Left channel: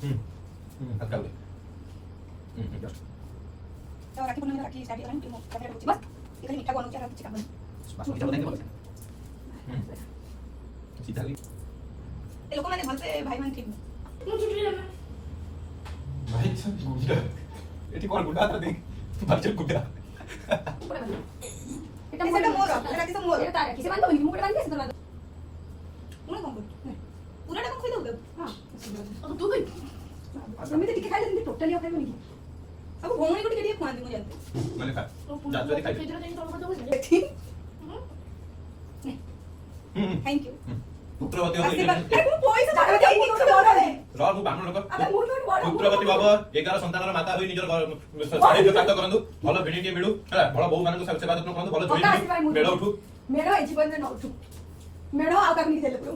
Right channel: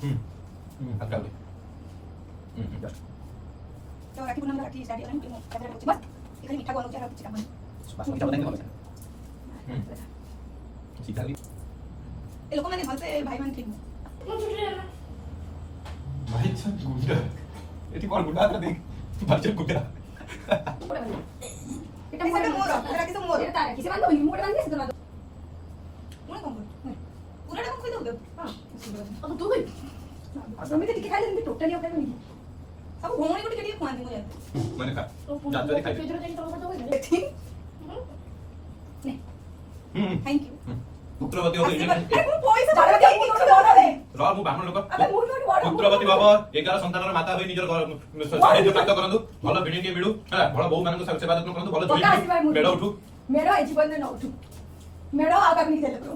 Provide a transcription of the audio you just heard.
हल्का तो राखी पूर्णिमा राखी स्टार्ट होईल ना त्याला बस इकडे मिठा बनवून राखीची कामं बस मिठा बताएंगे सीता भी એ લોકો મને ભલતે ભાઈ બન થઈ भाई सब गुंडा एटी कोण गुंडा आता देख बारच्या गुंडा এটা মোর রাখি তো মোর এটা তার কিসে বান্ধব মোর বান্ধব কিসে বান্ধব মোর কম পুরাটা কম কই দাও হ্যাঁ তুই আমি তো লিখে খাইলে কিন্তু টোটালি আপনাকে নিব अब घोंगने को टिकट खुआ दूंगा जानते मैंने कहा जाते दिखाई ठीक थैंक यू पुत्रवती हो गई कोई से जाने दे मुझे बोल रहे रॉ मु बामण लोक अबे मुझे बोल पुत्रवती बाबा 11 संतानर माता होई निजर साहित्य प्राप्त करंदु भलो बेडी के मिलु हला भलो बहु मानक सब सेवा यत्न करंदु भलो जोई मेडा उठु मेडा ए जीवन में न उठू मेडा आउ काक नहीं देले ब्रो